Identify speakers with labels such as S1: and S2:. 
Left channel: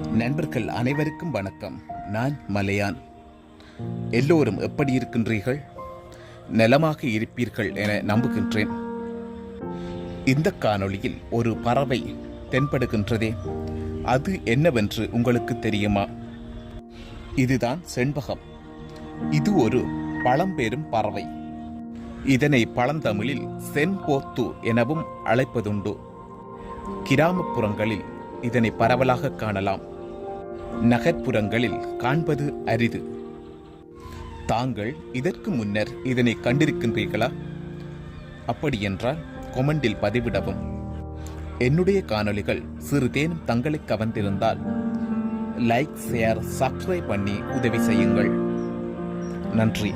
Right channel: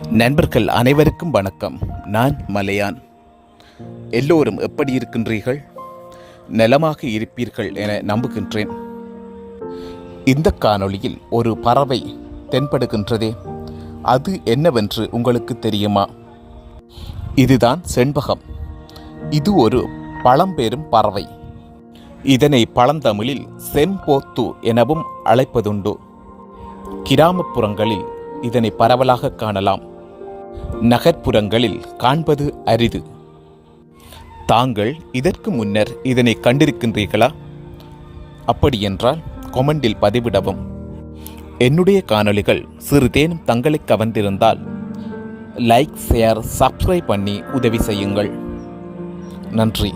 S1: நண்பர்கள் அனைவருக்கும் வணக்கம். நான் மலையான். எல்லோரும் எப்படி இருக்கின்றீர்கள்? நலமாக இருப்பீர்கள் என நம்புகின்றேன். இந்த காணொளியில் ஒரு பறவை தென்படுகின்றதே. அது என்னவென்று உங்களுக்கு தெரியுமா? இதுதான் செண்பகம். இது ஒரு பழம்பெரும் பறவை. இதனை பழந்தமிழில் செம்போத்து எனவும் அழைப்பதுண்டு. கிராமப்புறங்களில் இதனை பரவலாக காணலாம். நகர்ப்புறங்களில் காண்பது அரிது. தாங்கள் இதற்கு முன்னர் இதனை கண்டிருக்கின்றீர்களா? அப்படியென்றால் கொமெண்டில் பதிவிடவும். என்னுடைய காணொளிகள் சிறிதேனும் தங்களை கவர்ந்திருந்தால் லைக் ஷேர் சப்ஸ்கிரைப் பண்ணி உதவி செய்யுங்கள். நன்றி.